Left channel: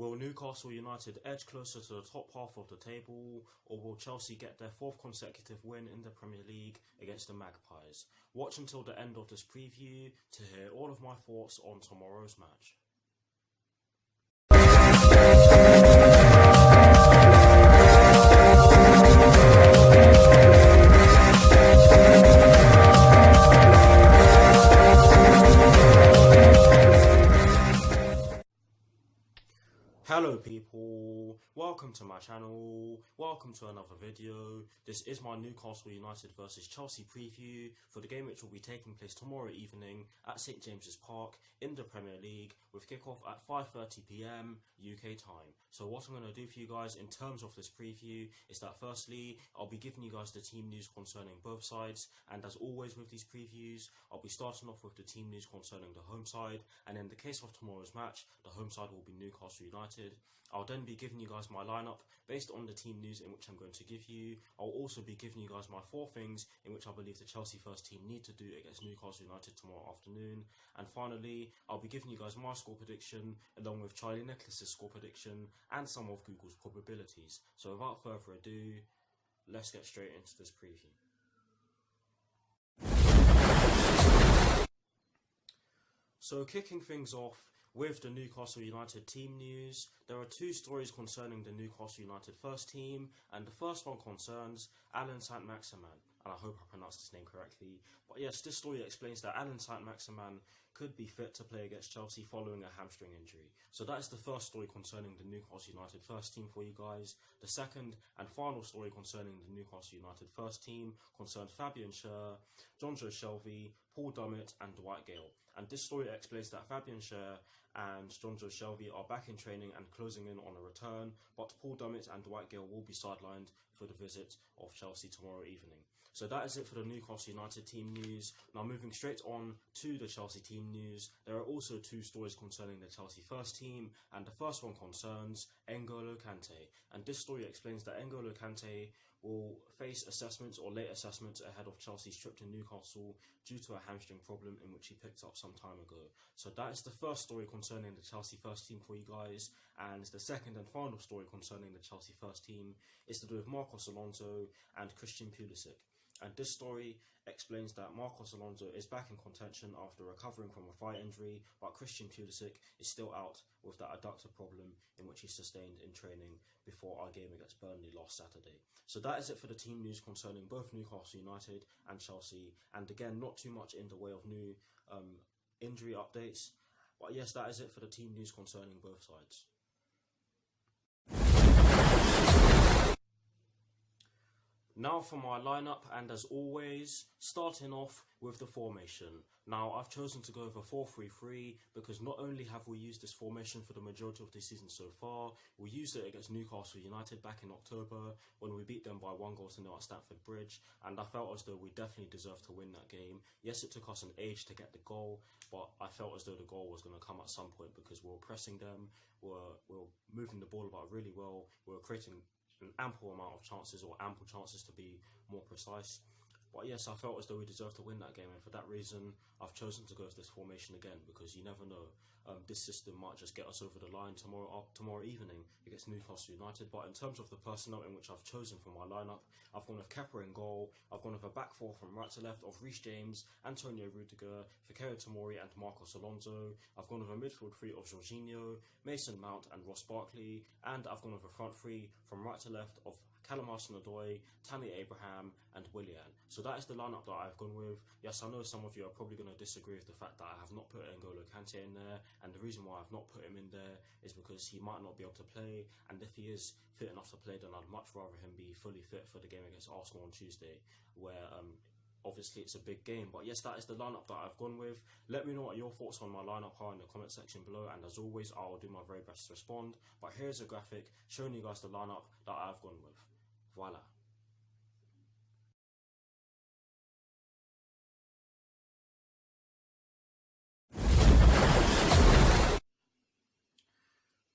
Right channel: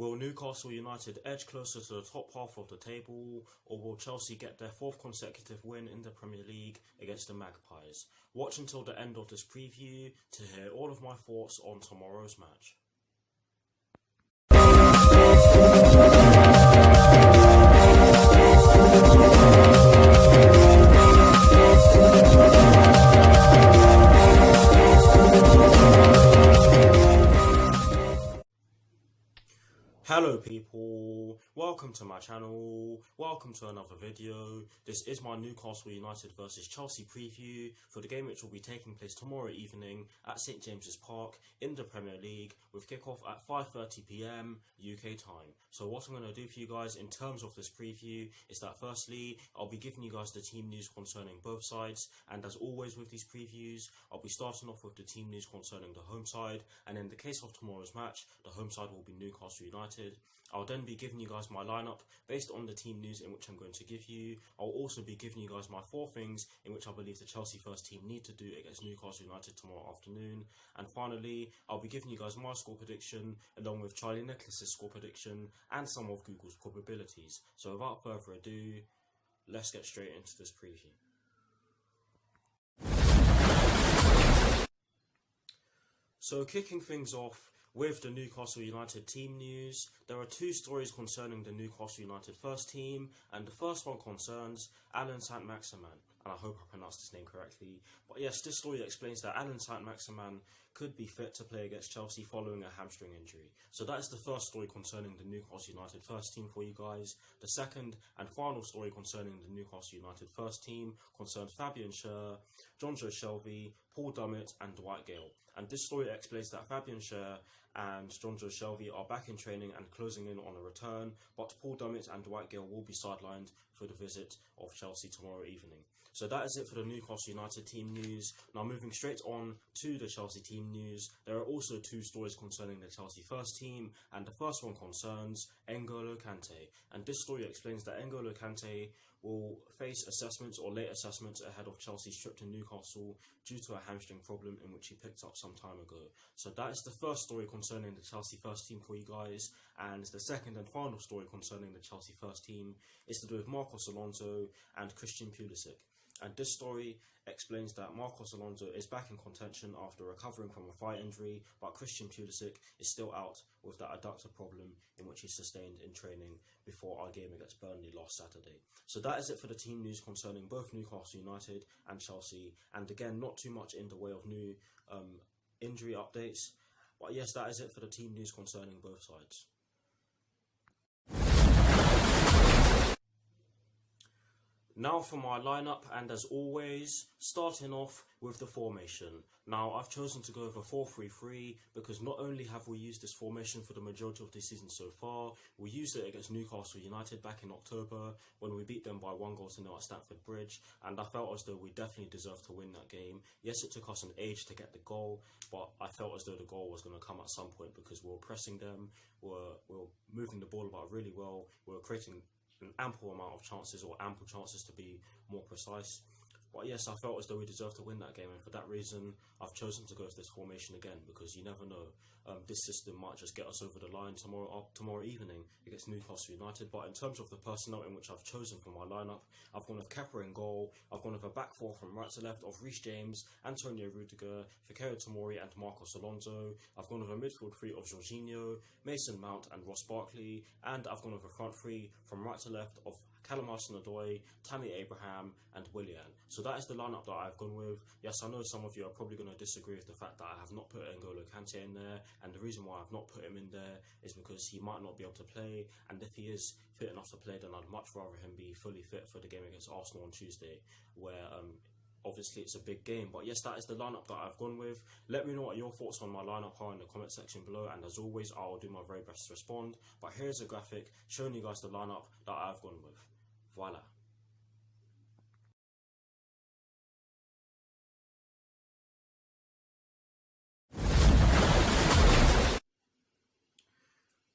Will Newcastle United edge closer to the top half of the table, or will Chelsea get their fourth consecutive win in the Premier League against the Magpies? Watch until the end of this preview to hear all of my thoughts on tomorrow's match. Hello people, welcome to my channel, welcome to another video. This is my Newcastle United versus Chelsea preview for the game which will be taking place tomorrow evening at St James's Park in the Premier League with kickoff at 5:30 PM UK time. So what I'm going to do for you guys in terms of this preview is that firstly, I'll be giving you guys the team news concerning both sides, and as always with these previews, I'll be starting off with the team news concerning the home side, and in the case of tomorrow's match, the home side will be Newcastle United. I'll then be giving you guys my lineup based on the team news in which I'm going to give you. I'll also be giving you guys my 4 things in which I believe the Chelsea first team need to do against Newcastle United tomorrow afternoon. And finally, I'll be giving you guys my score prediction along with Charlie Nicholas's score prediction and some of Google's probabilities. So without further ado, let's get straight into this preview. So kicking things off with the Newcastle United team news, there are 2 stories concerning the Newcastle United first team, and the first one concerns Allan Saint-Maximin, and I hope I pronounced his name correctly. But yes, this story explains that Allan Saint-Maximin could be fit to play against Chelsea following a hamstring injury. So that is the first story concerning the Newcastle United first team for you guys. The second and final story concerning the Newcastle United first team concerns Fabian Schär, Jonjo Shelvey, Paul Dummett and Dwight Gale. And this story explains that Fabian Schär and Jonjo Shelvey are back in training and closing in on a return, but Paul Dummett and Dwight Gale will be sidelined for the visit of Chelsea tomorrow evening. So that is it for the Newcastle United team news. Now moving straight on to the Chelsea team news, there are also 2 stories concerning the Chelsea first team, and the first one concerns N'Golo Kante. And this story explains that N'Golo Kante will face assessments or late assessments ahead of Chelsea's trip to Newcastle due to a hamstring problem in which he picked up some time ago. So that is the first story concerning the Chelsea first team for you guys, and the second and final story concerning the Chelsea first team is to do with Marcos Alonso and Christian Pulisic. And this story explains that Marcos Alonso is back in contention after recovering from a thigh injury, but Christian Pulisic is still out with that adductor problem in which he sustained in training before our game against Burnley last Saturday. So that is it for the team news concerning both Newcastle United and Chelsea. And again, not too much in the way of new injury updates. But yes, that is it for the team news concerning both sides. Now for my lineup, and as always, starting off with the formation. Now I've chosen to go with a 4-3-3 because not only have we used this formation for the majority of the season so far, we used it against Newcastle United back in October when we beat them by 1-0 at Stamford Bridge, and I felt as though we definitely deserved to win that game. Yes, it took us an age to get the goal, but I felt as though the goal was going to come at some point because we were pressing them, we were moving the ball about really well, we were creating an ample amount of chances, or ample chances to be more precise. But yes, I felt as though we deserved to win that game, and for that reason, I've chosen to go with this formation again, because you never know, this system might just get us over the line tomorrow evening against Newcastle United. But in terms of the personnel in which I've chosen for my lineup, I've gone with Kepa in goal, I've gone with a back 4 from right to left of Reece James, Antonio Rudiger, Fikayo Tomori and Marcos Alonso. I've gone with a midfield 3 of Jorginho, Mason Mount and Ross Barkley, and I've gone with a front 3 from right to left of Callum Hudson-Odoi, Tammy Abraham and Willian. So that is the lineup that I've gone with. Yes, I know some of you are probably going to disagree with the fact that I have not put N'Golo Kante in there, and the reason why I've not put him in there is because he might not be able to play, and if he is fit enough to play, then I'd much rather him be fully fit for the game against Arsenal on Tuesday, where obviously it's a big game. But yes, that is the lineup that I've gone with. Let me know what your thoughts on my lineup are in the comment section below, and as always, I'll do my very best to respond. But here's a graphic showing you guys the lineup that I've gone with. Voila.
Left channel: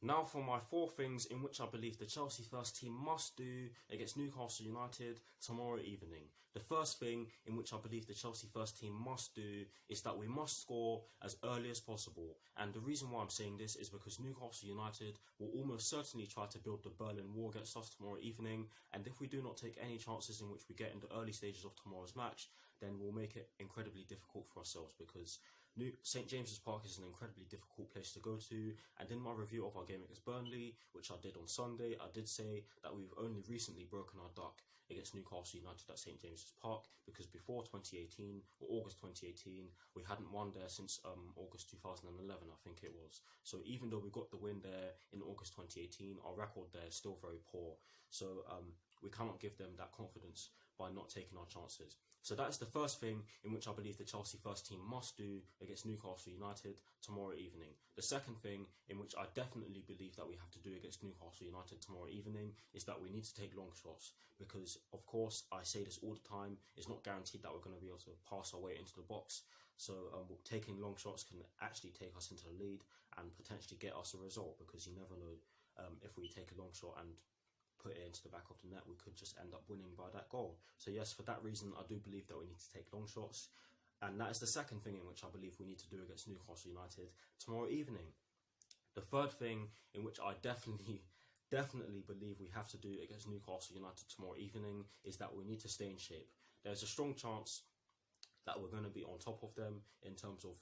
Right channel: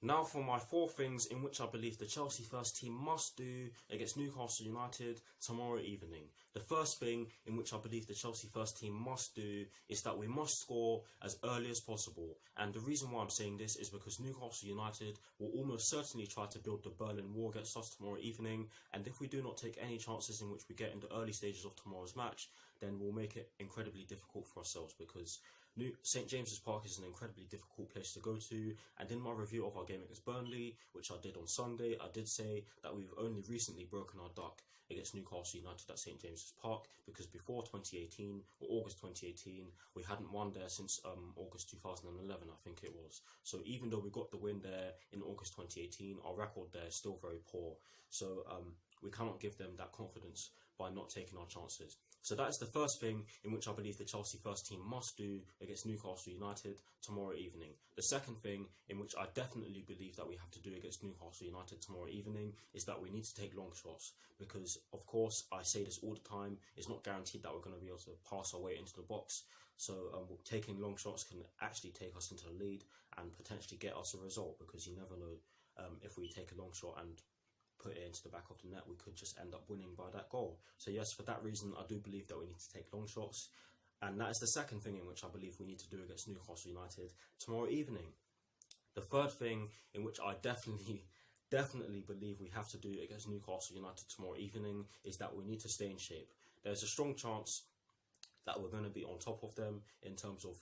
Now for my 4 things in which I believe the Chelsea first team must do against Newcastle United tomorrow evening. The first thing in which I believe the Chelsea first team must do is that we must score as early as possible. And the reason why I'm saying this is because Newcastle United will almost certainly try to build the Berlin Wall against us tomorrow evening. And if we do not take any chances in which we get in the early stages of tomorrow's match, then we'll make it incredibly difficult for ourselves, because St James's Park is an incredibly difficult place to go to, and in my review of our game against Burnley, which I did on Sunday, I did say that we've only recently broken our duck against Newcastle United at St James's Park, because before 2018, or August 2018, we hadn't won there since August 2011, I think it was. So even though we got the win there in August 2018, our record there is still very poor. So we cannot give them that confidence by not taking our chances. So that is the first thing in which I believe the Chelsea first team must do against Newcastle United tomorrow evening. The second thing in which I definitely believe that we have to do against Newcastle United tomorrow evening is that we need to take long shots, because of course I say this all the time, it's not guaranteed that we're going to be able to pass our way into the box. So taking long shots can actually take us into the lead and potentially get us a result, because you never know, if we take a long shot and put it into the back of the net, we could just end up winning by that goal. So yes, for that reason, I do believe that we need to take long shots. And that is the second thing in which I believe we need to do against Newcastle United tomorrow evening. The third thing in which I definitely believe we have to do against Newcastle United tomorrow evening is that we need to stay in shape. There's a strong chance that we're going to be on top of them in terms of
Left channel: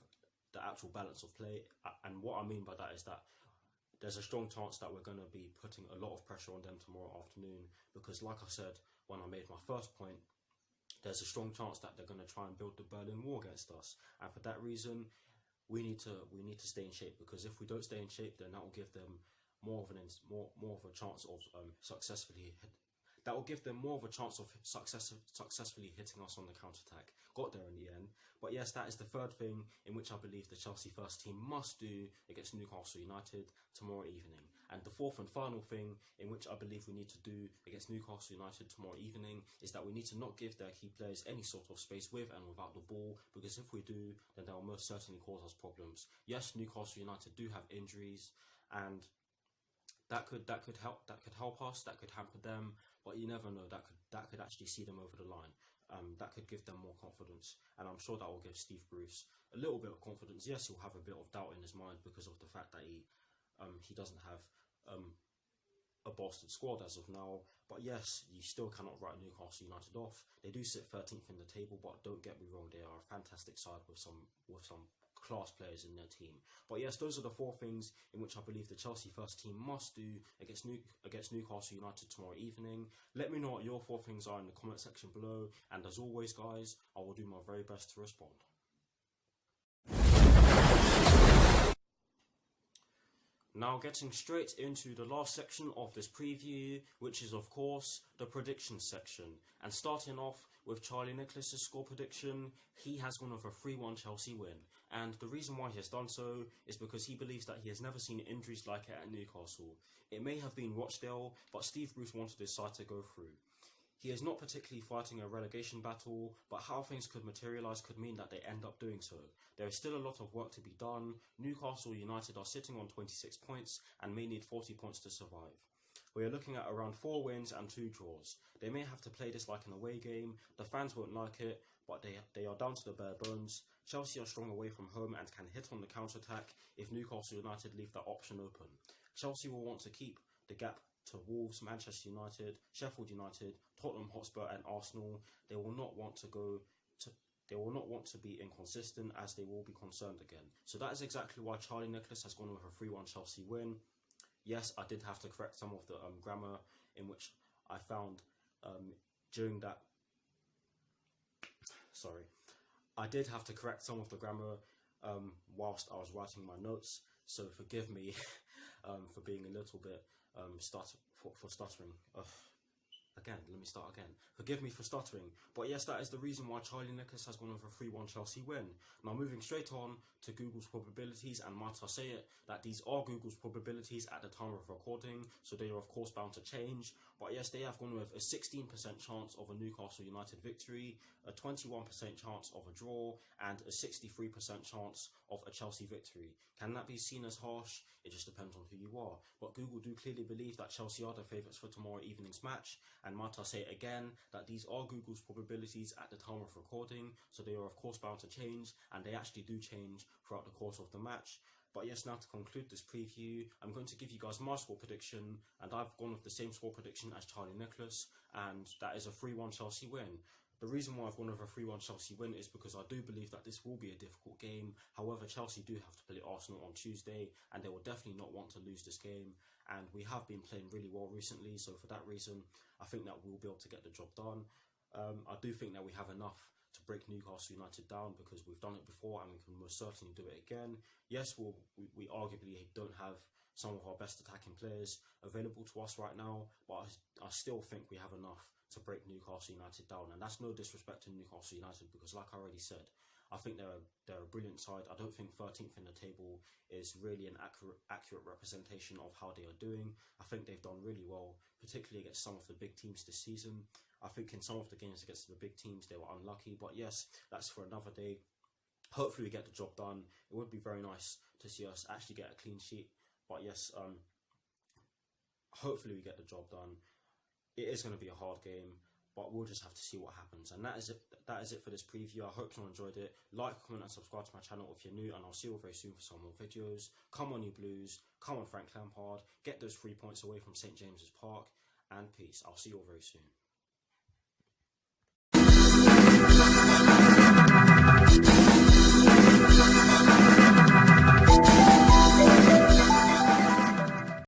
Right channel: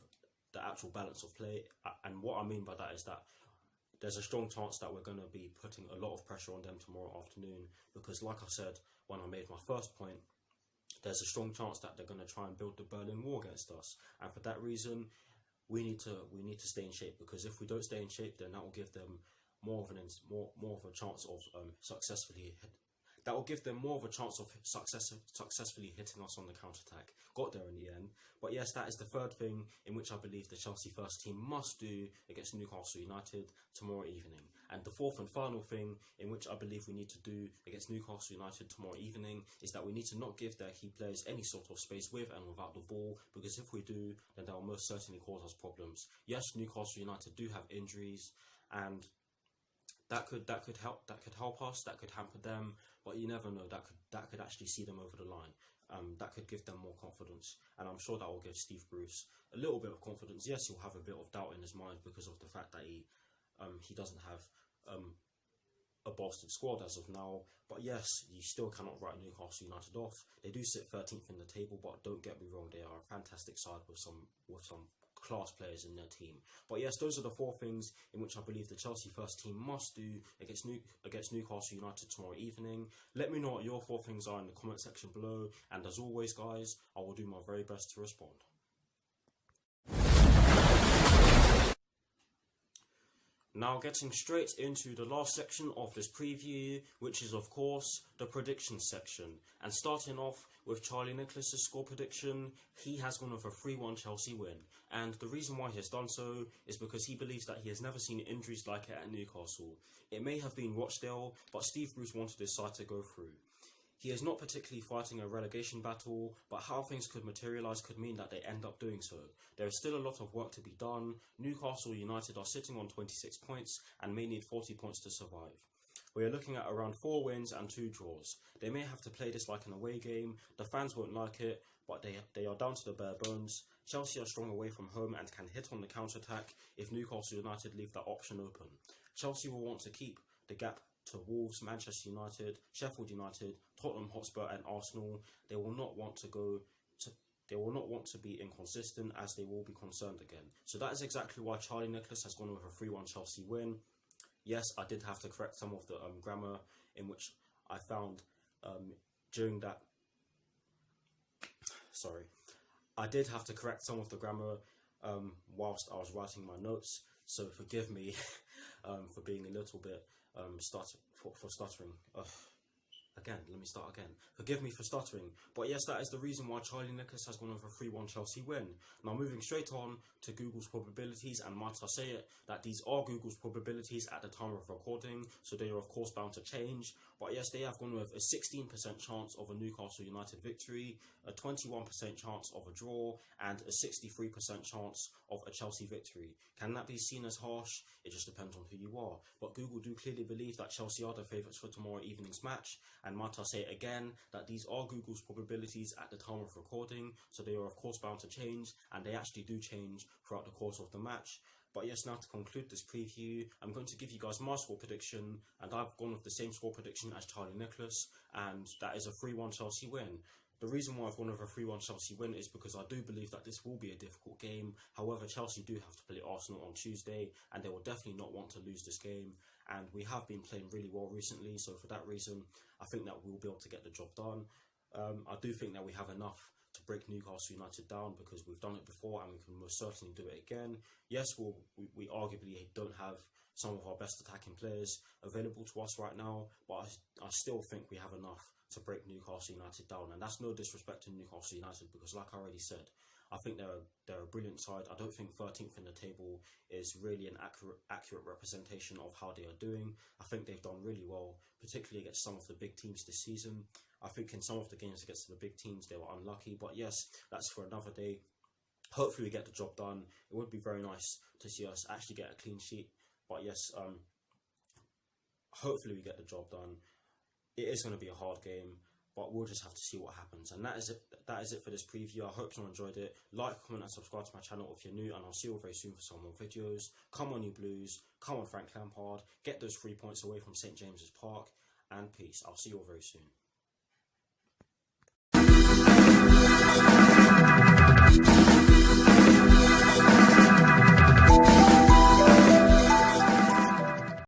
the actual balance of play. And what I mean by that is that there's a strong chance that we're going to be putting a lot of pressure on them tomorrow afternoon, because like I said when I made my first point, there's a strong chance that they're going to try and build the Berlin Wall against us. And for that reason, we need to stay in shape, because if we don't stay in shape, then that will give them more of a chance of successfully hitting us on the counter-attack. Got there in the end. But yes, that is the third thing in which I believe the Chelsea first team must do against Newcastle United tomorrow evening. And the fourth and final thing in which I believe we need to do against Newcastle United tomorrow evening is that we need to not give their key players any sort of space with and without the ball, because if we do, then that will most certainly cause us problems. Yes, Newcastle United do have injuries, and that could help us, that could hamper them, but you never know, that could actually see them over the line. That could give them more confidence, and I'm sure that will give Steve Bruce a little bit of confidence. Yes, he'll have a bit of doubt in his mind because of the fact that he doesn't have a bolstered squad as of now. But yes, you still cannot write Newcastle United off. They do sit 13th in the table, but don't get me wrong, they are a fantastic side with some class players in their team. But yes, those are the 4 things in which I believe the Chelsea first team must do against Newcastle United tomorrow evening. Let me know what your 4 things are in the comment section below, and as always guys, I will do my very best to respond. Now getting straight into the last section of this preview, which is of course the predictions section. And starting off with Charlie Nicholas's score prediction, he has gone with a 3-1 Chelsea win. And the reason why he has done so is because he believes that he has never seen injuries like it at Newcastle. It may have been Rochdale, but Steve Bruce wanted his side to go through. He is not particularly fighting a relegation battle, but how things could materialise could mean that they end up doing so. There is still a lot of work to be done. Newcastle United are sitting on 26 points and may need 40 points to survive. We are looking at around 4 wins and 2 draws. They may have to play this like an away game. The fans won't like it, but they are down to the bare bones. Chelsea are strong away from home and can hit on the counter-attack if Newcastle United leave that option open. Chelsea will want to keep the gap to Wolves, Manchester United, Sheffield United, Tottenham Hotspur and Arsenal. They will not want to be inconsistent, as they will be concerned again. So that is exactly why Charlie Nicholas has gone with a 3-1 Chelsea win. Yes, I did have to correct some of the grammar in which I found during that. Sorry, I did have to correct some of the grammar whilst I was writing my notes. So forgive me for being a little bit stuttering. Again, let me start again. Forgive me for stuttering. But yes, that is the reason why Charlie Nicholas has gone over a 3-1 Chelsea win. Now moving straight on to Google's probabilities, and might I say it, that these are Google's probabilities at the time of recording, so they are of course bound to change. But yes, they have gone with a 16% chance of a Newcastle United victory, a 21% chance of a draw, and a 63% chance of a Chelsea victory. Can that be seen as harsh? It just depends on who you are. But Google do clearly believe that Chelsea are the favourites for tomorrow evening's match, and might I say again that these are Google's probabilities at the time of recording, so they are of course bound to change, and they actually do change throughout the course of the match. But yes, now to conclude this preview, I'm going to give you guys my score prediction, and I've gone with the same score prediction as Charlie Nicholas, and that is a 3-1 Chelsea win. The reason why I've gone with a 3-1 Chelsea win is because I do believe that this will be a difficult game. However, Chelsea do have to play Arsenal on Tuesday, and they will definitely not want to lose this game. And we have been playing really well recently, so for that reason, I think that we'll be able to get the job done. I do think that we have enough to break Newcastle United down because we've done it before and we can most certainly do it again. Yes, we arguably don't have some of our best attacking players available to us right now, but I still think we have enough to break Newcastle United down. And that's no disrespect to Newcastle United because, like I already said, I think they're a brilliant side. I don't think 13th in the table is really an accurate representation of how they are doing. I think they've done really well, particularly against some of the big teams this season. I think in some of the games against the big teams, they were unlucky. But yes, that's for another day. Hopefully we get the job done. It would be very nice to see us actually get a clean sheet. But yes, hopefully we get the job done. It is going to be a hard game, but we'll just have to see what happens. And that is it. That is it for this preview. I hope you enjoyed it. Like, comment, and subscribe to my channel if you're new, and I'll see you all very soon for some more videos. Come on, you Blues. Come on, Frank Lampard. Get those 3 points away from St. James's Park. And peace. I'll see you all very soon.